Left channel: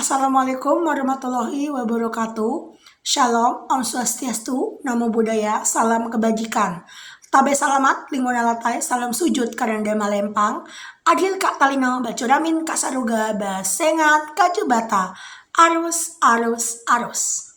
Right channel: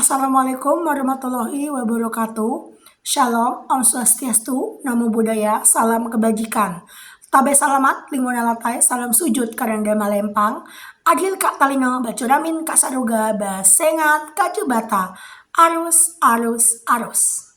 Assalamualaikum warahmatullahi wabarakatuh. Shalom, Om Swastiastu, Namo Buddhaya, Salam Kebajikan. Tabe salamat, lingkungan latai, salam sujud karanda malempang. Adil kak talino, bacuramin kak saruga, basengat kak jubata. Arus, arus, arus.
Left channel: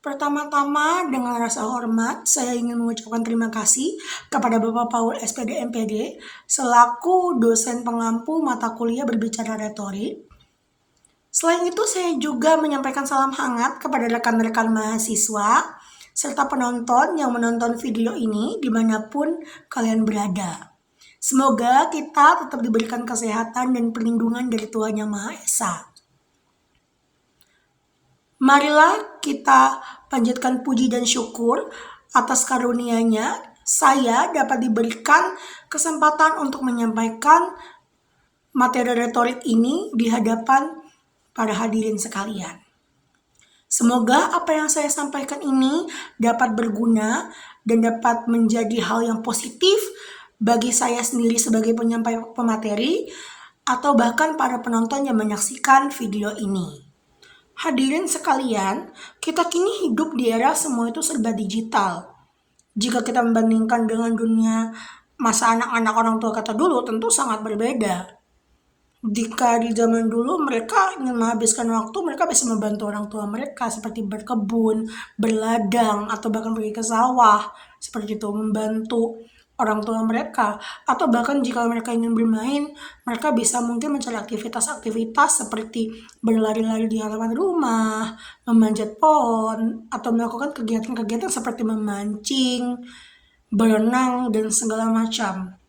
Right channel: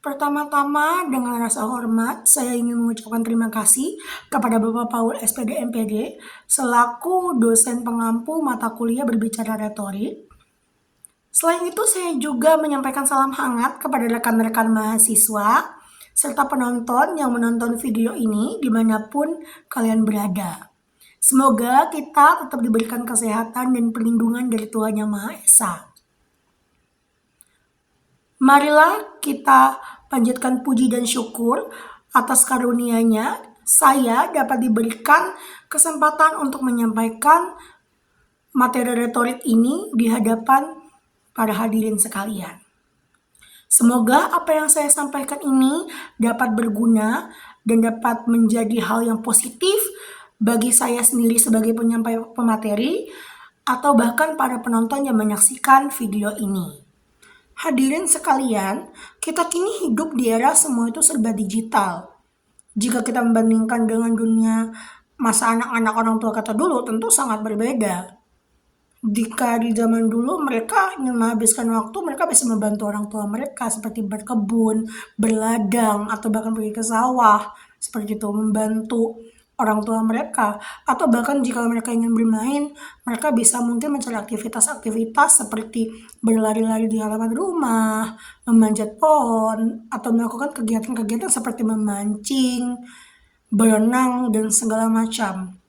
Pertama-tama, dengan rasa hormat, saya ingin mengucapkan terima kasih kepada Bapak Paul SPD MPD selaku dosen pengampu mata kuliah berbicara retorik. Selain itu, saya juga menyampaikan salam hangat kepada rekan-rekan mahasiswa serta penonton yang menonton video ini dimanapun kalian berada. Semoga kita tetap diberikan kesehatan dan perlindungan dari Tuhan Yang Maha Esa. Marilah kita panjatkan puji dan syukur atas karunia-Nya saya dapat diberikan kesempatan untuk menyampaikan materi retorik ini di hadapan para hadirin sekalian. Semoga apa yang saya sampaikan ini dapat berguna dan dapat menjadi hal yang positif bagi saya sendiri sebagai penyampai pemateri atau bahkan para penonton yang menyaksikan video ini. Hadirin sekalian, kita kini hidup di era semua itu serba digital. Jika kita membandingkan dengan dunia masa anak-anak orang tua kata dulu, tentu sangat berbeda. Jika di zaman dulu mereka ingin menghabiskan waktu, mereka bisa membantu orang tua mereka seperti berkebun, berladang, atau bahkan pergi ke sawah, seperti itu, membantu orang tua mereka. Atau bahkan jika mereka ingin bermain, mereka bisa mungkin mencari aktivitas-aktivitas seperti berlari-lari di halaman rumah, memanjat pohon, atau melakukan kegiatan-kegiatan seperti memancing, berenang, dan segala macam.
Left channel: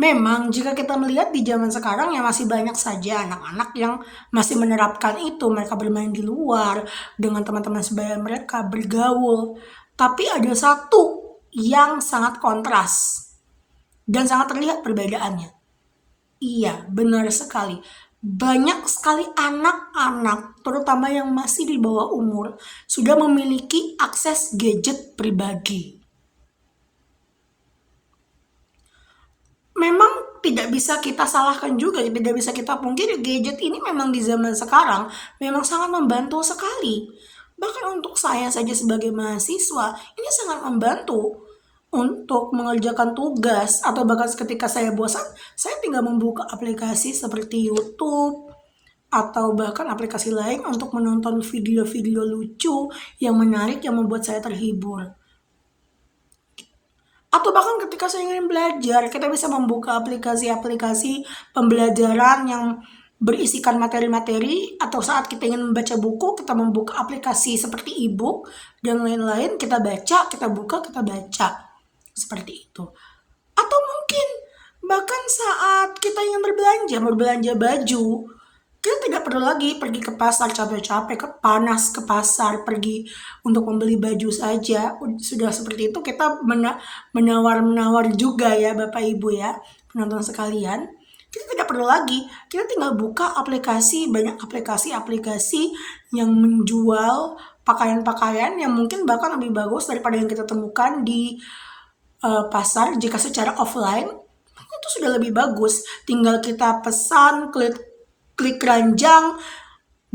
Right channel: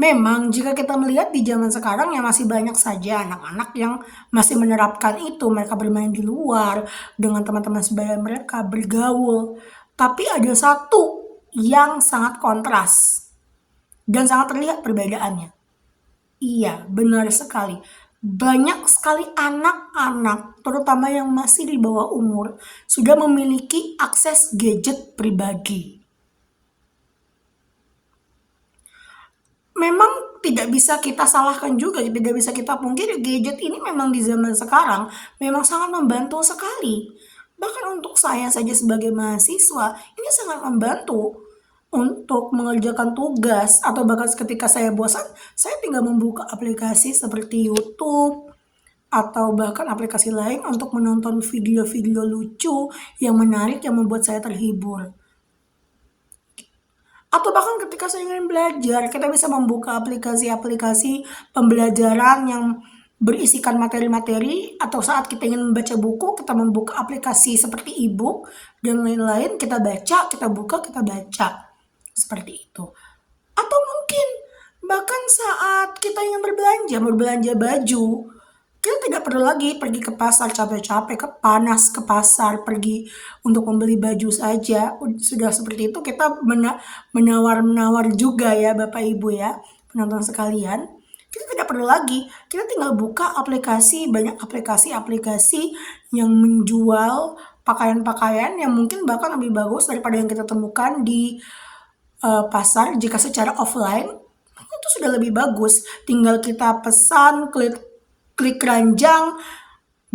Memang jika kita melihat di zaman sekarang ya masih banyak saja anak-anak yang masih menerapkan itu. Mereka bermain di luar dengan teman-teman sebaya mereka, bergaul. Tapi ada satu yang sangat kontras dan sangat terlihat perbedaannya. Iya, benar sekali. Banyak sekali anak-anak, terutama yang masih di bawah umur, sudah memiliki akses gadget pribadi. Memang tidak bisa kita salahkan juga, tidak bisa kita pungkiri gadget ini memang di zaman sekarang memang sangat membantu sekali. Bahkan untuk saya saja sebagai mahasiswa, ini sangat membantu untuk mengerjakan tugas atau bahkan ketika saya bosan, saya tinggal membuka aplikasi seperti YouTube atau bahkan aplikasi lain untuk menonton video-video lucu yang menarik yang membuat saya terhibur. Atau bahkan ketika saya ingin belajar, kita bisa membuka aplikasi-aplikasi pembelajaran yang berisikan materi-materi, atau saat kita ingin membaca buku, kita membuka aplikasi seperti e-book dan lain-lain, kita baca, kita buka, kita baca. Seperti itu. Atau mungkin bahkan saat kita ingin berbelanja baju, kita tidak perlu lagi pergi ke pasar capek-capek, panas ke pasar, pergi untuk membeli baju saja. Sudah seperti itu kita menawar-menawar juga ya Bapak Ibu ya, penonton sekalian. Kita tidak perlu lagi, kita tinggal buka aplikasi, banyak aplikasi-aplikasi yang menjual pakaian-pakaian yang mungkin bahkan lebih bagus daripada yang kita temukan di pasar. Jika secara offline, itu sudah lebih bagus. Tinggal kita pesan, klik keranjang,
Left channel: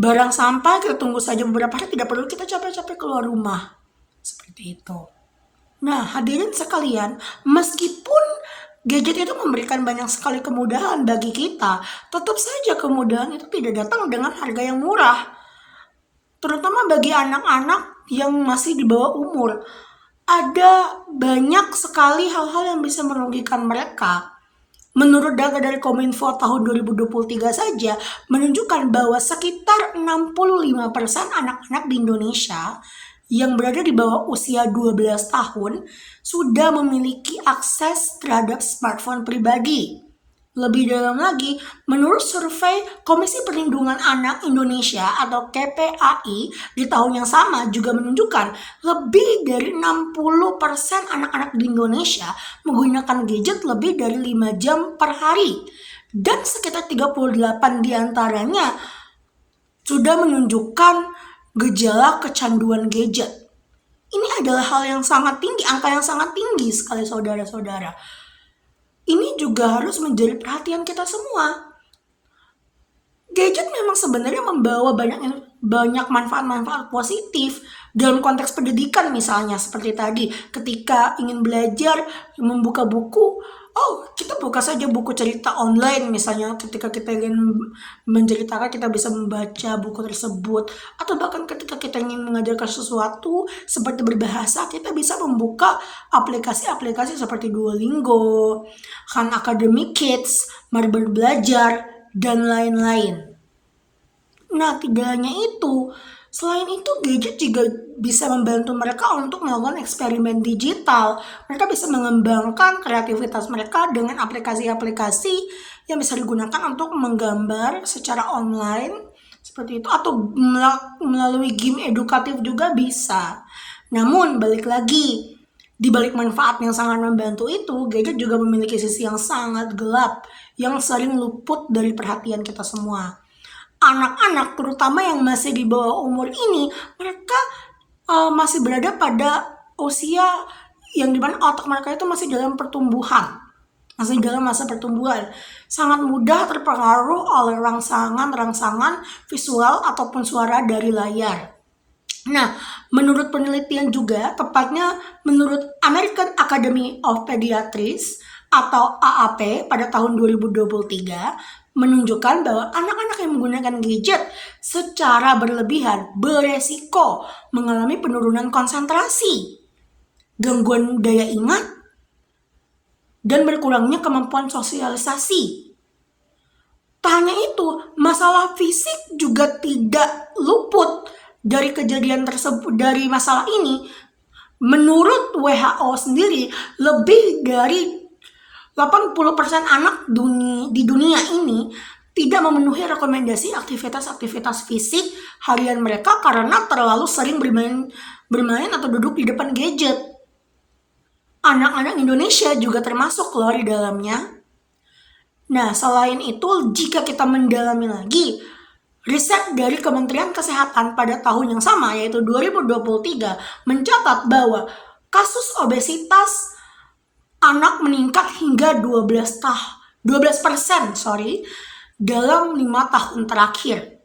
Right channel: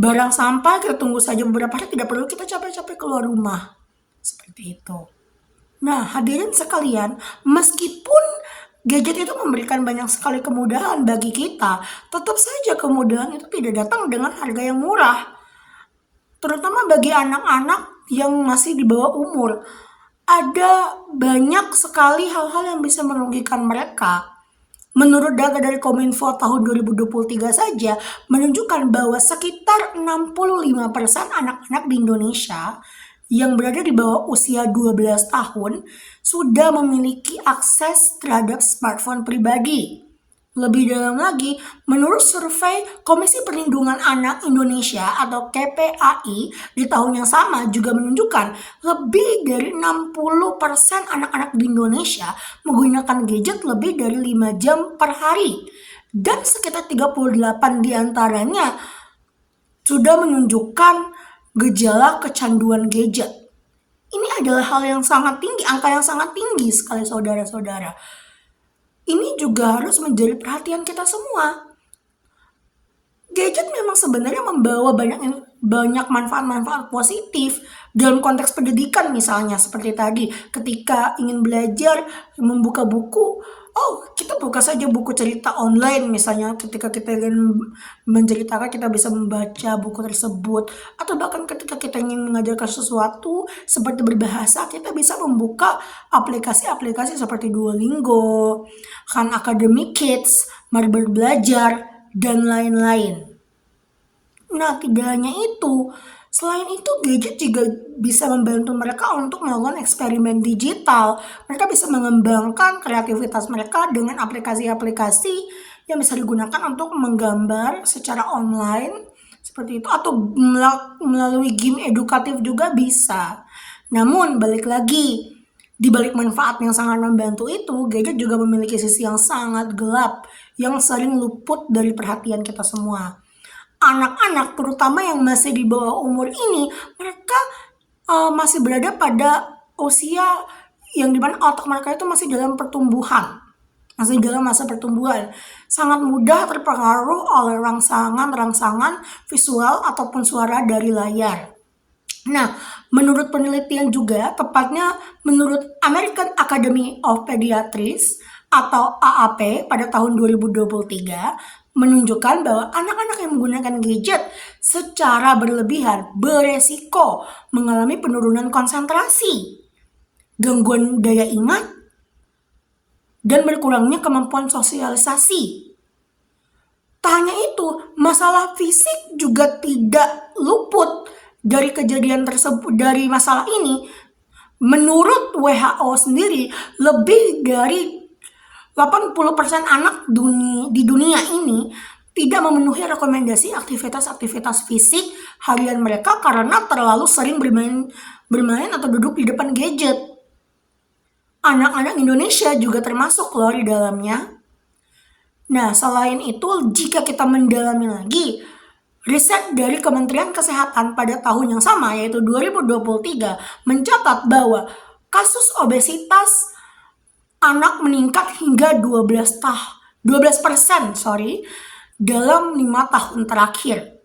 barang sampai, kita tunggu saja beberapa hari, tidak perlu kita capek-capek keluar rumah. Seperti itu. Nah, hadirin sekalian, meskipun gadget itu memberikan banyak sekali kemudahan bagi kita, tetap saja kemudahan itu tidak datang dengan harga yang murah. Terutama bagi anak-anak yang masih di bawah umur. Ada banyak sekali hal-hal yang bisa merugikan mereka. Menurut data dari Kominfo tahun 2023 saja menunjukkan bahwa sekitar 65% anak-anak di Indonesia yang berada di bawah usia 12 tahun sudah memiliki akses terhadap smartphone pribadi. Lebih dalam lagi, menurut survei Komisi Perlindungan Anak Indonesia atau KPAI di tahun yang sama juga menunjukkan lebih dari 60% anak-anak di Indonesia menggunakan gadget lebih dari 5 jam per hari. Dan sekitar 38 diantaranya sudah menunjukkan gejala kecanduan gadget. Ini adalah hal yang sangat tinggi, angka yang sangat tinggi sekali saudara-saudara. Ini juga harus menjadi perhatian kita semua. Gadget memang sebenarnya membawa banyak manfaat-manfaat positif dalam konteks pendidikan, misalnya seperti tadi ketika ingin belajar membuka buku, oh kita buka saja buku cerita online, misalnya ketika kita ingin menceritakan kita bisa membaca buku tersebut, atau bahkan ketika kita ingin mengajarkan sesuatu seperti berbahasa, kita bisa membuka aplikasi-aplikasi seperti Duolingo, Khan Academy Kids, Marbel Belajar, dan lain-lain. Nah, tidak hanya itu, selain itu gadget juga bisa membantu mereka untuk melakukan eksperimen digital. Mereka bisa mengembangkan kreativitas mereka dengan aplikasi-aplikasi yang bisa digunakan untuk menggambar secara online, seperti itu, atau melalui game edukatif juga bisa. Namun, balik lagi, di balik manfaat yang sangat membantu itu, gadget juga memiliki sisi yang sangat gelap, yang sering luput dari perhatian kita semua. Anak-anak, terutama yang masih di bawah umur ini, mereka masih berada pada usia yang dimana otak mereka itu masih dalam pertumbuhan, masih dalam masa pertumbuhan, sangat mudah terpengaruh oleh rangsangan visual ataupun suara dari layar. Nah, menurut penelitian juga, tepatnya menurut American Academy of Pediatrics atau AAP pada tahun 2023, menunjukkan bahwa anak-anak yang menggunakan gadget secara berlebihan beresiko mengalami penurunan konsentrasi, gangguan daya ingat, dan berkurangnya kemampuan sosialisasi. Tak hanya itu, masalah fisik juga tidak luput dari kejadian tersebut, dari masalah ini. Menurut WHO sendiri, lebih dari 80% anak di dunia ini tidak memenuhi rekomendasi aktivitas-aktivitas fisik harian mereka karena terlalu sering bermain atau duduk di depan gadget. Anak-anak Indonesia juga termasuk loh di dalamnya. Nah, selain itu, jika kita mendalami lagi, riset dari Kementerian Kesehatan pada tahun yang sama, yaitu 2023, mencatat bahwa kasus obesitas anak meningkat hingga 12% dalam 5 tahun terakhir.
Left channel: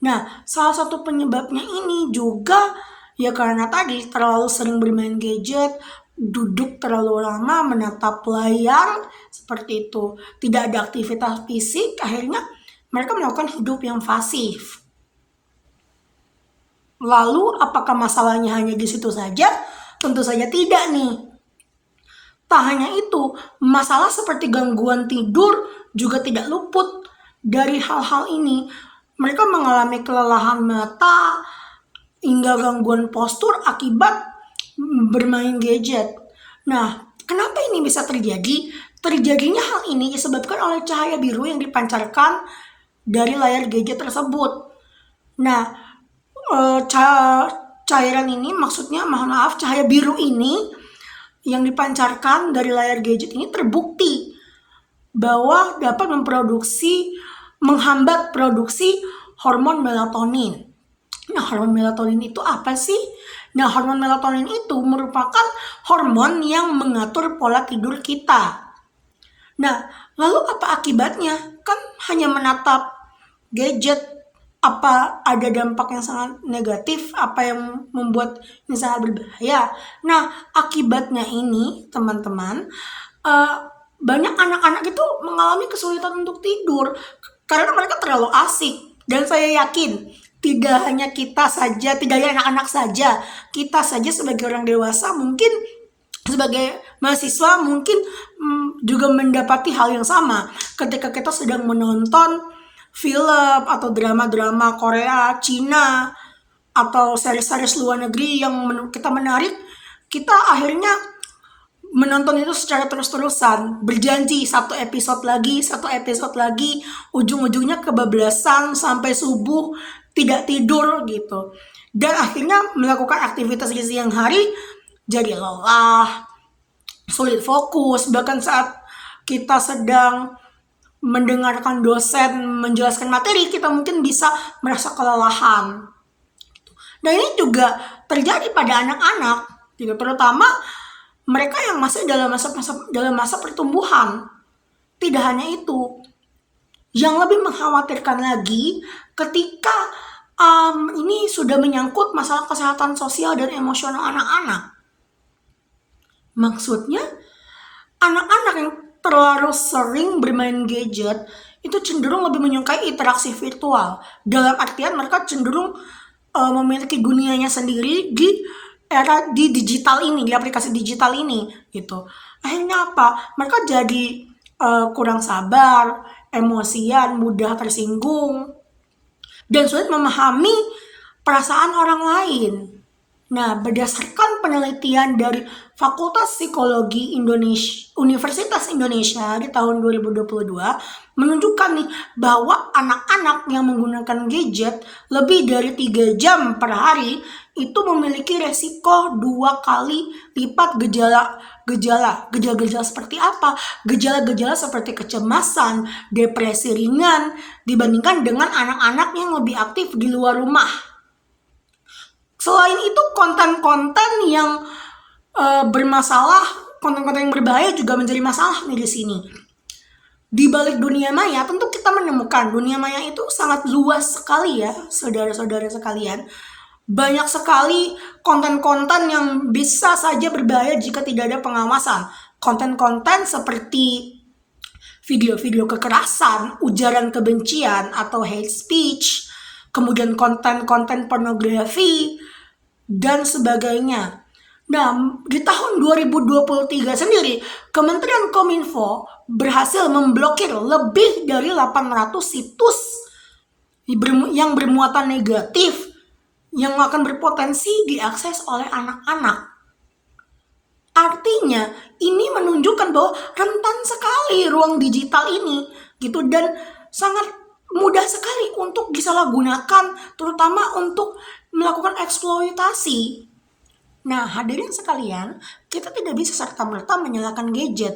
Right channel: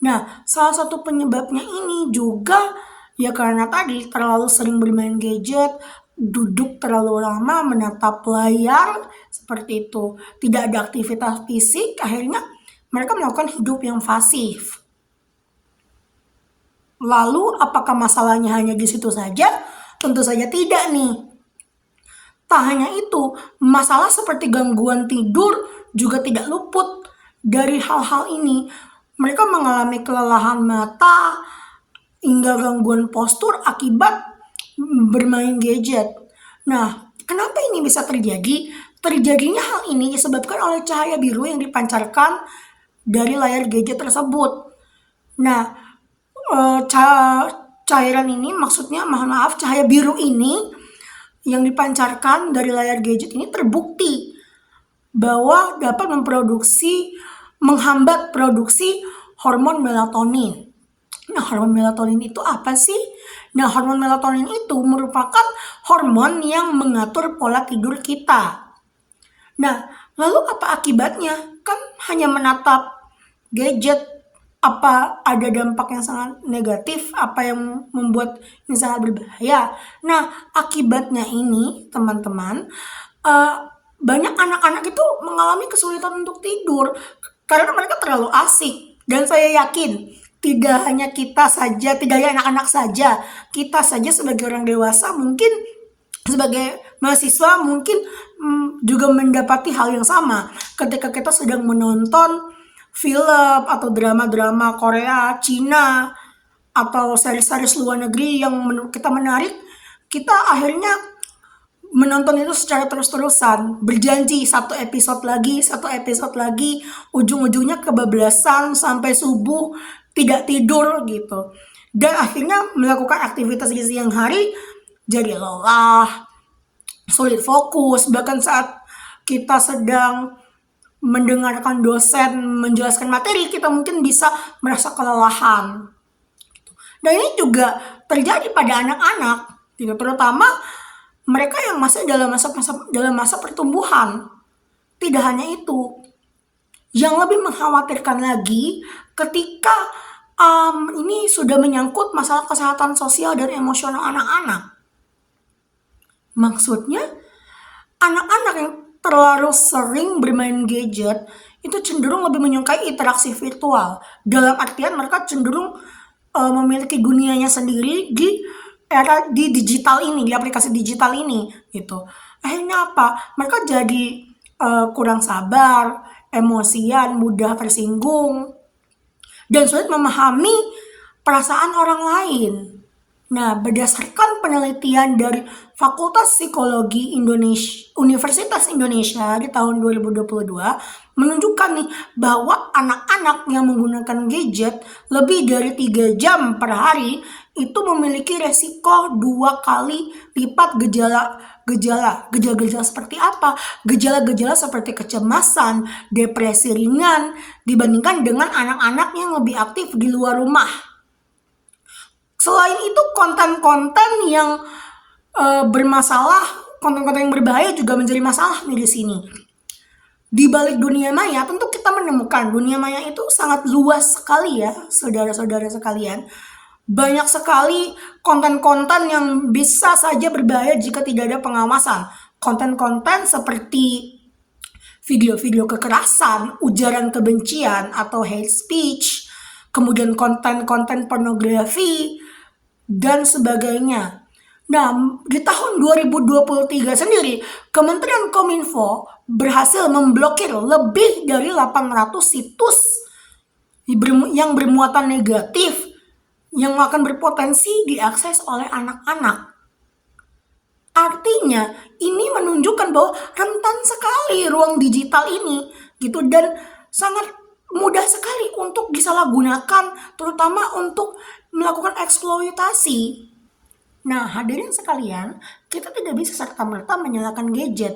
Nah, salah satu penyebabnya ini juga ya karena tadi terlalu sering bermain gadget, duduk terlalu lama menatap layar, seperti itu. Tidak ada aktivitas fisik, akhirnya mereka melakukan hidup yang pasif. Lalu apakah masalahnya hanya di situ saja? Tentu saja tidak nih. Tak hanya itu, masalah seperti gangguan tidur juga tidak luput dari hal-hal ini. Mereka mengalami kelelahan mata hingga gangguan postur akibat bermain gadget. Nah, kenapa ini bisa terjadi? Terjadinya hal ini disebabkan oleh cahaya biru yang dipancarkan dari layar gadget tersebut. Nah, cairan ini maksudnya, cahaya biru ini yang dipancarkan dari layar gadget ini terbukti bahwa dapat menghambat produksi hormon melatonin. Nah, hormon melatonin itu apa sih? Nah, hormon melatonin itu merupakan hormon yang mengatur pola tidur kita. Nah, lalu apa akibatnya? Kan hanya menatap gadget, apa ada dampak yang sangat negatif, apa yang membuat ini sangat berbahaya. Nah, akibatnya ini teman-teman, banyak anak-anak itu mengalami kesulitan untuk tidur karena mereka terlalu asik. Dan saya yakin tidak hanya kita saja, tidak hanya anak-anak saja, kita saja sebagai orang dewasa, mungkin sebagai mahasiswa mungkin juga mendapati hal yang sama ketika kita sedang menonton film atau drama-drama Korea, Cina, atau series-series luar negeri yang menurut kita menarik, kita akhirnya menonton itu secara terus-terusan, berjanji satu episode lagi, ujung-ujungnya kebablasan sampai subuh, tidak tidur gitu. Dan akhirnya melakukan aktivitas di siang hari jadi lelah, sulit fokus, bahkan saat kita sedang mendengarkan dosen menjelaskan materi, kita mungkin bisa merasa kelelahan. Dan ini juga terjadi pada anak-anak, gitu, terutama mereka yang masih dalam masa pertumbuhan. Tidak hanya itu, Yang lebih mengkhawatirkan lagi ketika ini sudah menyangkut masalah kesehatan sosial dan emosional anak-anak. Maksudnya, anak-anak yang terlalu sering bermain gadget itu cenderung lebih menyukai interaksi virtual. Dalam artian mereka cenderung memiliki dunianya sendiri di era di digital ini, di aplikasi digital ini, gitu. Akhirnya apa? Mereka jadi kurang sabar, emosian, mudah tersinggung, dan sulit memahami perasaan orang lain. Nah, berdasarkan penelitian dari Fakultas Psikologi Indonesia, Universitas Indonesia di tahun 2022 menunjukkan nih bahwa anak-anak yang menggunakan gadget lebih dari 3 jam per hari itu memiliki resiko 2 kali lipat gejala seperti apa? Gejala-gejala seperti kecemasan, depresi ringan dibandingkan dengan anak-anak yang lebih aktif di luar rumah. Selain itu, konten-konten yang bermasalah, konten-konten yang berbahaya juga menjadi masalah nih di sini. Di balik dunia maya, tentu kita menemukan dunia maya itu sangat luas sekali ya, saudara-saudara sekalian. Banyak sekali konten-konten yang bisa saja berbahaya jika tidak ada pengawasan. Konten-konten seperti video-video kekerasan, ujaran kebencian atau hate speech, kemudian konten-konten pornografi, dan sebagainya. Nah, di tahun 2023 sendiri, Kementerian Kominfo berhasil memblokir lebih dari 800 situs yang bermuatan negatif yang akan berpotensi diakses oleh anak-anak. Artinya, ini menunjukkan bahwa rentan sekali ruang digital ini, gitu, dan sangat mudah sekali untuk disalahgunakan, terutama untuk melakukan eksploitasi. Nah, hadirin sekalian, kita tidak bisa serta-merta menyalahkan gadget.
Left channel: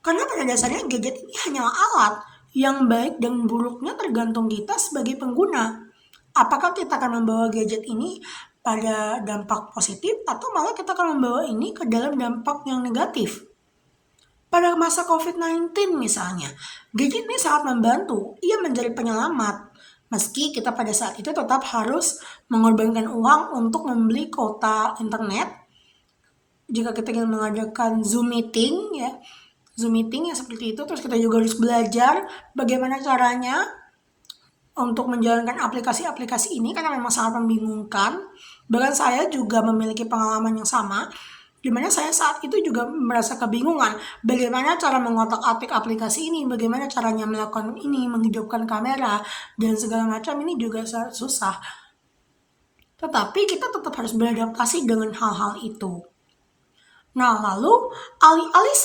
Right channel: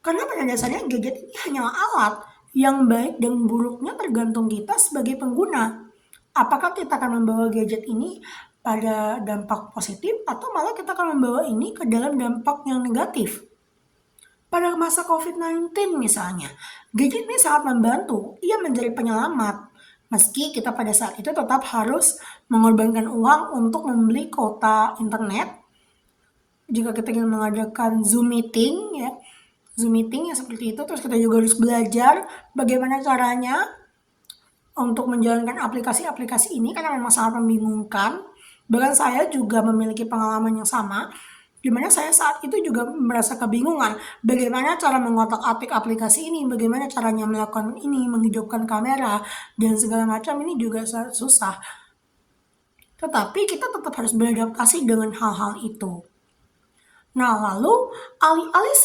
Karena pada dasarnya gadget ini hanyalah alat yang baik dan buruknya tergantung kita sebagai pengguna. Apakah kita akan membawa gadget ini pada dampak positif atau malah kita akan membawa ini ke dalam dampak yang negatif? Pada masa COVID-19 misalnya, gadget ini sangat membantu, ia menjadi penyelamat. Meski kita pada saat itu tetap harus mengorbankan uang untuk membeli kuota internet. Jika kita ingin mengadakan Zoom meeting ya seperti itu, terus kita juga harus belajar bagaimana caranya untuk menjalankan aplikasi-aplikasi ini karena memang sangat membingungkan. Bahkan saya juga memiliki pengalaman yang sama, di mana saya saat itu juga merasa kebingungan bagaimana cara mengotak-atik aplikasi ini, bagaimana caranya melakukan ini, menghidupkan kamera, dan segala macam. Ini juga sangat susah. Tetapi kita tetap harus beradaptasi dengan hal-hal itu. Nah, lalu alih-alih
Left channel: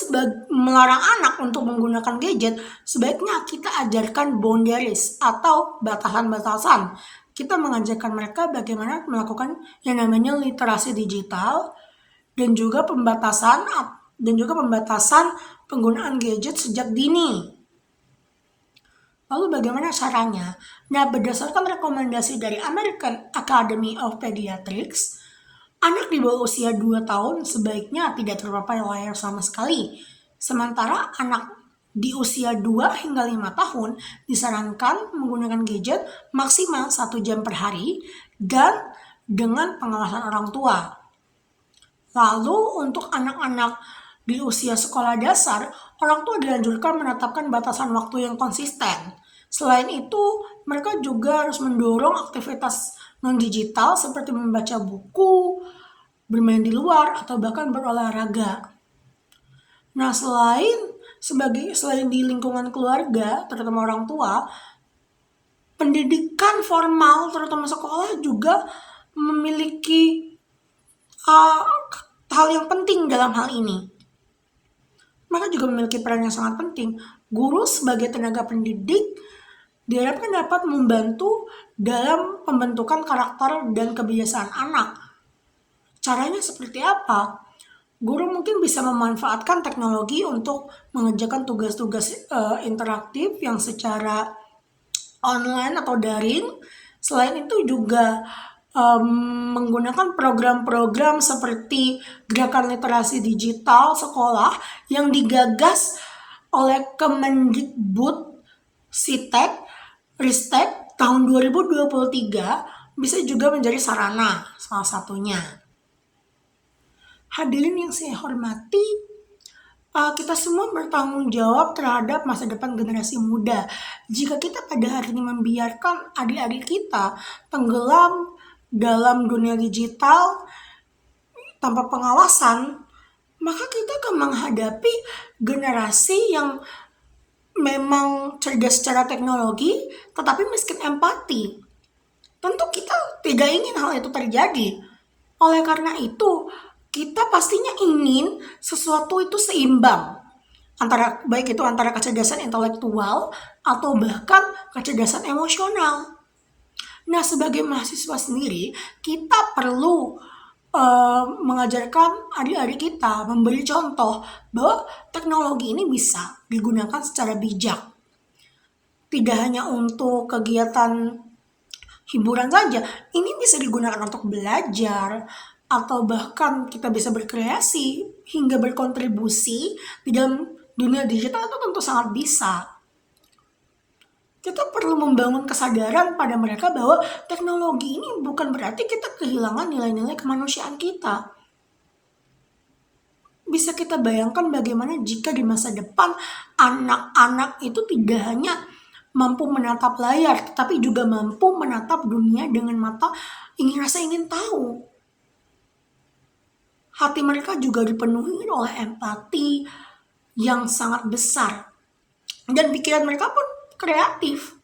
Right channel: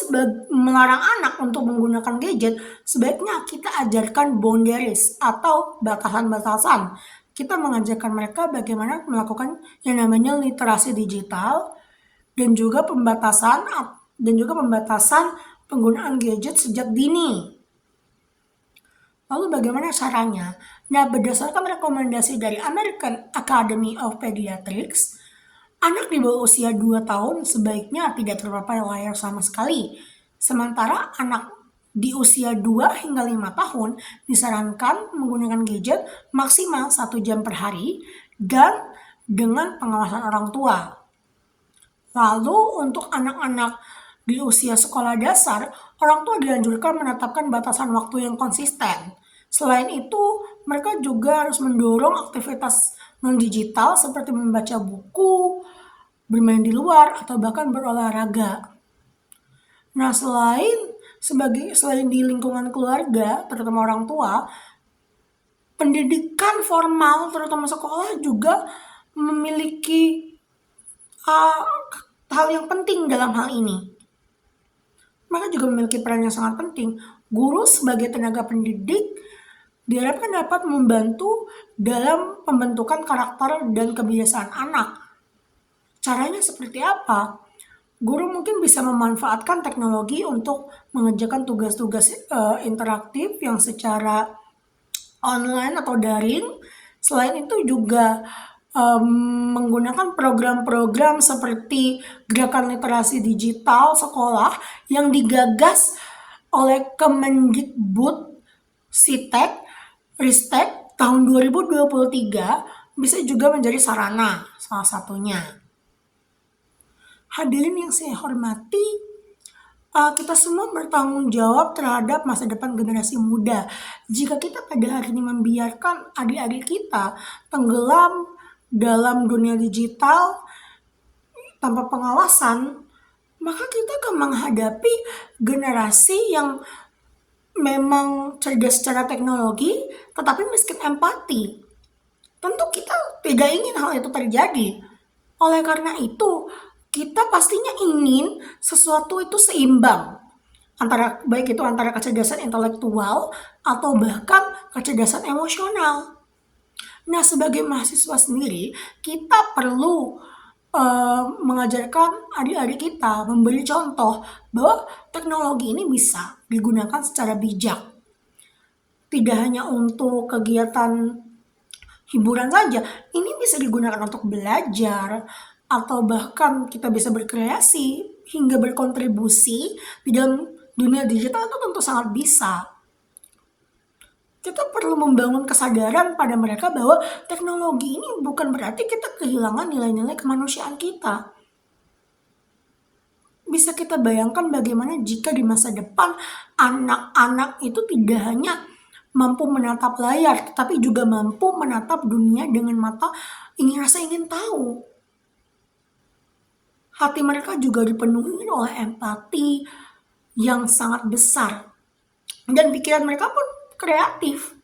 melarang anak untuk menggunakan gadget, sebaiknya kita ajarkan boundaries atau batasan-batasan. Kita mengajarkan mereka bagaimana melakukan yang namanya literasi digital, dan juga pembatasan penggunaan gadget sejak dini. Lalu bagaimana caranya? Nah, berdasarkan rekomendasi dari American Academy of Pediatrics, anak di bawah usia 2 tahun sebaiknya tidak terpapai layar sama sekali. Sementara anak di usia 2 hingga 5 tahun disarankan menggunakan gadget maksimal 1 jam per hari dan dengan pengawasan orang tua. Lalu untuk anak-anak di usia sekolah dasar, orang tua dianjurkan menetapkan batasan waktu yang konsisten. Selain itu, mereka juga harus mendorong aktivitas non-digital seperti membaca buku, bermain di luar, atau bahkan berolahraga. Nah, selain di lingkungan keluarga, terutama orang tua, pendidikan formal, terutama sekolah, juga memiliki hal yang penting dalam hal ini. Mereka juga memiliki peran yang sangat penting. Guru sebagai tenaga pendidik diharapkan dapat membantu dalam pembentukan karakter dan kebiasaan anak. Caranya seperti apa? Guru mungkin bisa memanfaatkan teknologi untuk mengerjakan tugas-tugas interaktif yang secara online atau daring. Selain itu juga menggunakan program-program seperti gerakan literasi digital sekolah yang digagas oleh Kemendikbud SITEK, RISTEK tahun 2023 bisa juga menjadi sarana salah satunya. Hadirin yang saya hormati, kita semua bertanggung jawab terhadap masa depan generasi muda. Jika kita pada hari ini membiarkan adik-adik kita tenggelam dalam dunia digital tanpa pengawasan, maka kita akan menghadapi generasi yang memang cerdas secara teknologi, tetapi miskin empati. Tentu kita tidak ingin hal itu terjadi. Oleh karena itu, kita pastinya ingin sesuatu itu seimbang. Baik itu antara kecerdasan intelektual atau bahkan kecerdasan emosional. Nah, sebagai mahasiswa sendiri, kita perlu mengajarkan adik-adik kita, memberi contoh bahwa teknologi ini bisa digunakan secara bijak. Tidak hanya untuk kegiatan hiburan saja, ini bisa digunakan untuk belajar, atau bahkan kita bisa berkreasi hingga berkontribusi di dalam dunia digital. Itu tentu sangat bisa. Kita perlu membangun kesadaran pada mereka bahwa teknologi ini bukan berarti kita kehilangan nilai-nilai kemanusiaan kita. Bisa kita bayangkan bagaimana jika di masa depan anak-anak itu tidak hanya mampu menatap layar, tetapi juga mampu menatap dunia dengan mata ingin tahu. Hati mereka juga dipenuhi oleh empati yang sangat besar. Dan pikiran mereka pun kreatif.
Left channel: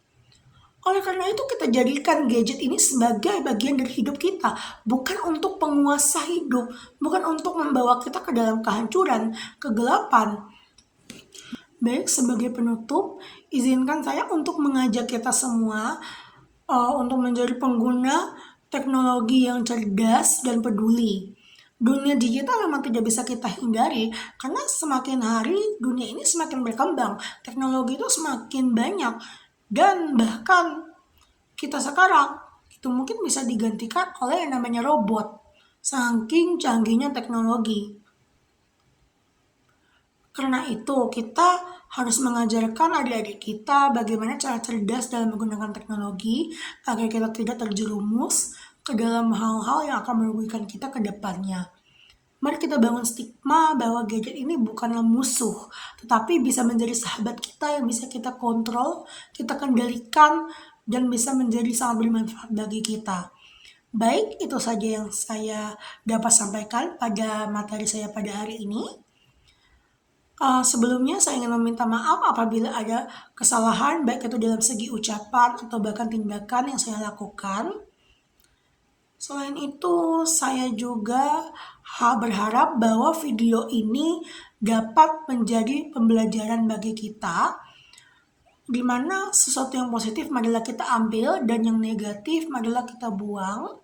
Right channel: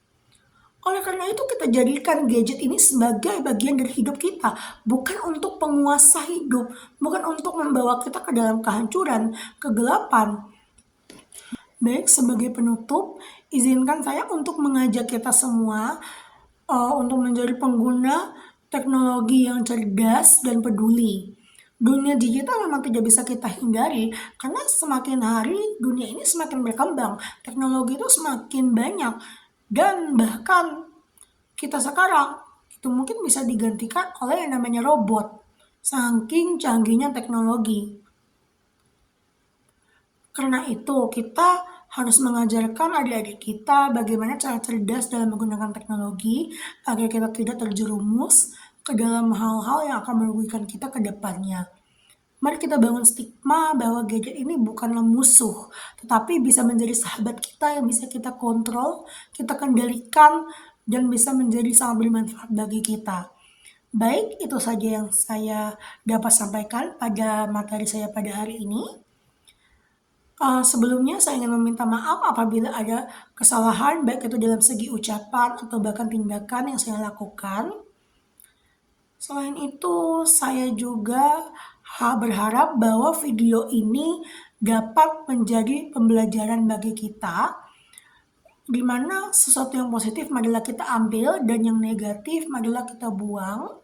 Oleh karena itu kita jadikan gadget ini sebagai bagian dari hidup kita. Bukan untuk penguasa hidup. Bukan untuk membawa kita ke dalam kehancuran, kegelapan. Baik, sebagai penutup, izinkan saya untuk mengajak kita semua untuk menjadi pengguna teknologi yang cerdas dan peduli. Dunia digital memang tidak bisa kita hindari, karena semakin hari dunia ini semakin berkembang, teknologi itu semakin banyak, dan bahkan kita sekarang itu mungkin bisa digantikan oleh yang namanya robot, saking canggihnya teknologi. Karena itu kita harus mengajarkan adik-adik kita bagaimana cara cerdas dalam menggunakan teknologi agar kita tidak terjerumus ke dalam hal-hal yang akan merugikan kita ke depannya. Mari kita bangun stigma bahwa gadget ini bukanlah musuh, tetapi bisa menjadi sahabat kita yang bisa kita kontrol, kita kendalikan, dan bisa menjadi sangat bermanfaat bagi kita. Baik, itu saja yang saya dapat sampaikan pada materi saya pada hari ini. Sebelumnya saya ingin meminta maaf apabila ada kesalahan, baik itu dalam segi ucapan atau bahkan tindakan yang saya lakukan. Selain itu, saya juga berharap bahwa video ini dapat menjadi pembelajaran bagi kita, di mana sesuatu yang positif marilah kita ambil dan yang negatif marilah kita buang.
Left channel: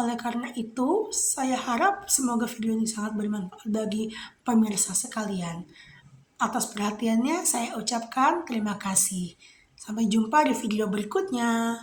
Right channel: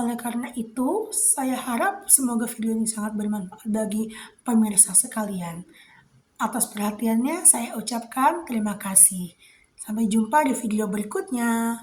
Oleh karena itu, saya harap semoga video ini sangat bermanfaat bagi pemirsa sekalian. Atas perhatiannya saya ucapkan terima kasih. Sampai jumpa di video berikutnya.